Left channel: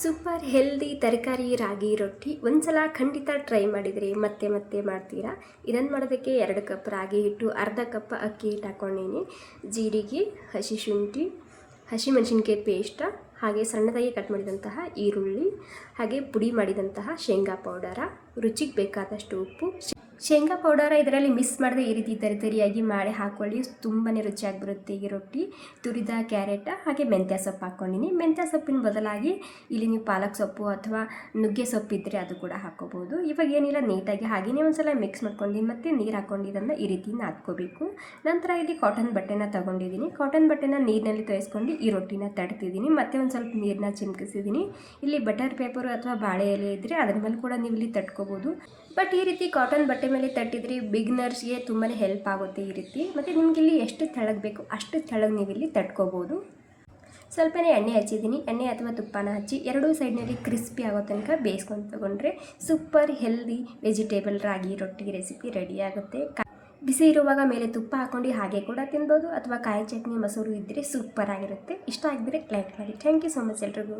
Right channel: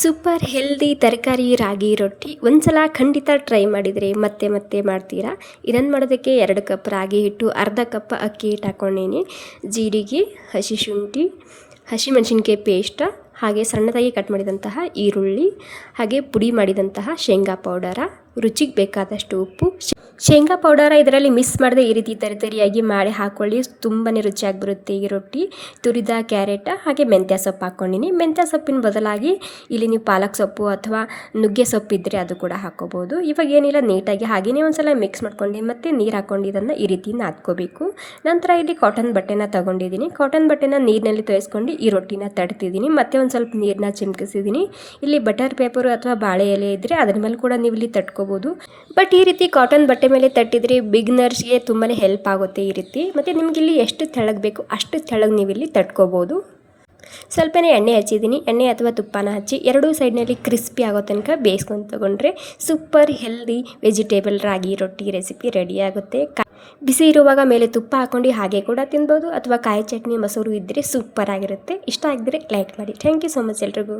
Super healthy ತರಕಾರಿ ರಾಗಿ ರೊಟ್ಟಿ ಒಂದ್ಸಲ ಖಂಡಿತ ಟ್ರೈ ಮಾಡಿದರೆ ಮತ್ತೆ ಮತ್ತೆ ಮಾಡ್ತೀರಾ. ಇದನ್ನು ಮಾಡೋದಕ್ಕೆ 2 ಕಪ್ ರಾಗಿ ಹಿಟ್ಟು, ಅರ್ಧ ಕಪ್ ಅಕ್ಕಿ ಹಿಟ್ಟು ಹಾಕ್ಕೊಂಡೀನಿ. ಜೀರಿಗೆ, ಹಸಿ ಶುಂಠಿ, ಹಸಿಮೆಣಸಿನ್ಕಾಯಿ ಪೇಸ್ಟ್, ಹಾಗೆ ಸಣ್ಣದಾಗಿ ಕಟ್ ಮಾಡಿದಂತಹ ಈರುಳ್ಳಿ, ಹಾಗೆ ಪುಡಿ ಮಾಡಿದಂತಹ ಶೇಂಗಾ ಪೌಡರ, ರುಚಿಗೆ ಬೇಕಾದಷ್ಟು ಉಪ್ಪು. ಶೇಂಗಾ ಪೌಡರ ಇದರಲ್ಲಿ ಮಿಕ್ಸ್ ಮಾಡದೆ ಈ ರೀತಿ ತರಿಯಾಗಿ ಮಾಡಿ ಹಾಕ್ಕೊಳ್ಳಿ, ತುಂಬಾ ರುಚಿಯಾಗಿ ಬರುತ್ತೆ ಈ ರೊಟ್ಟಿ. ತುರಿದ ಕ್ಯಾರೆಟ್ ಹಾಗೆ ಮೆಂತ್ಯ ಸೊಪ್ಪು ಹಾಕ್ಕೊಂಡಿನಿ. ಮೆಂತ್ಯ ಸೊಪ್ಪಿನ ಬದಲಾಗಿ ಇಲ್ಲಿ ನೀವು ಪಾಲಕ್ ಸೊಪ್ಪು ಅಥವಾ ನುಗ್ಗೆ ಸೊಪ್ಪು ಇದ್ದರೆ ಅದು ಕೂಡ ಹಾಕ್ಕೋಬೋದು. ಇವಾಗ ಏನಿಲ್ಲ, ನೀಟಾಗಿ ಹಾಗೆಯೇ ಒಂದ್ಸಲ ಮಿಕ್ಸ್ ಮಾಡ್ಕೊಂಡು ಮತ್ತೆ ನೀರು ಹಾಕ್ಕೊಂಡು ಇದನ್ನು ಈ ರೀತಿ ನಾದ್ಕೋಬೇಕು. ನಂತರ ಇಲ್ಲಿ ಕಾಟನ್ ಬಟ್ಟೆನ ತೊಗೊಂಡಿದ್ದೀನಿ. ಕಾಟನ್ ಬಟ್ಟೆನ ನೀರಿನಲ್ಲಿ ತೋಯಿಸ್ಕೊಂಡು ಈ ರೊಟ್ಟಿನ ತಡ್ತಿದ್ದೀನಿ. ಮತ್ತೆ ಒಂದು ಸ್ವಲ್ಪ ನೀರನ್ನ ಚಿಮ್ಕಿಸಿದ್ದೀನಿ. ಇಲ್ಲಿ ಬಟರ್ ಪೇಪರು ಅಥವಾ ಬಾಳೆ ಎಲೆ ಇದ್ದರೆ ಅದ್ರ ಮೇಲೆ ಕೂಡ ನೀವು ಇಲ್ಲಿ ತಟ್ಕೋಬೋದು. ಬಟ್ ಈ ರೀತಿ ಕಾಟನ್ ಬಟ್ಟೆ ಮೇಲೆ ತಟ್ಟಿದರೆ ಬಿಗ್ನರ್ಸ್ಗೆ ತುಂಬಾ ಹೆಲ್ಪ್ ಆಗುತ್ತೆ ಈ ರೀತಿ. ಮತ್ತು ನಿಮಗಿಲ್ಲಿ ಎಷ್ಟು ತೆಳ್ಳಗೆ ಬೇಕು ಅಷ್ಟು ತೆಳ್ಳಗೆ ನೀವು ಇಲ್ಲಿ ತಟ್ಕೋಬೋದು. ಸ್ವಲ್ಪನೇ ಎಣ್ಣೆ ಹಚ್ಚಿದ್ದೀನಿ. ಎಣ್ಣೆ ಅಥವಾ ತುಪ್ಪನ ಹಚ್ಚಿ ಎರಡೂ ಸೈಡ್ನಲ್ಲಿ ಕ್ರಿಸ್ಪಿ ಆಗೋ ತನಕ ಬೇಯಿಸ್ಕೊಂಡು ತೊಗೊಂಡ್ರೆ ಸೂಪರ್ ಹೆಲ್ದಿ ವೆಜಿಟೇಬಲ್ ರಾಗಿ ರೊಟ್ಟಿ ರೆಸಿಪಿ ರೆಡಿ ಆಗುತ್ತೆ. ಬಿಸಿ ಇರುವಾಗ ಮೇಲೆ ತುಪ್ಪ ಹಾಕ್ಕೊಂಡು ಹಾಗೆ ಕೂಡ ತಿನ್ಬೋದು, ಅಥವಾ ಕಾಯಿ ಚಟ್ನಿ ಮೊಸರು ಇದ್ದರೆ ಸೂಪರ್ ಆಗಿರುತ್ತೆ. ಇಷ್ಟ ಆಗಿದ್ರೆ ಲೈಕ್ ಮಾಡಿ. ಥ್ಯಾಂಕ್ ಯು ಸೊ ಮಚ್ ಎಲ್ರಿಗೂ.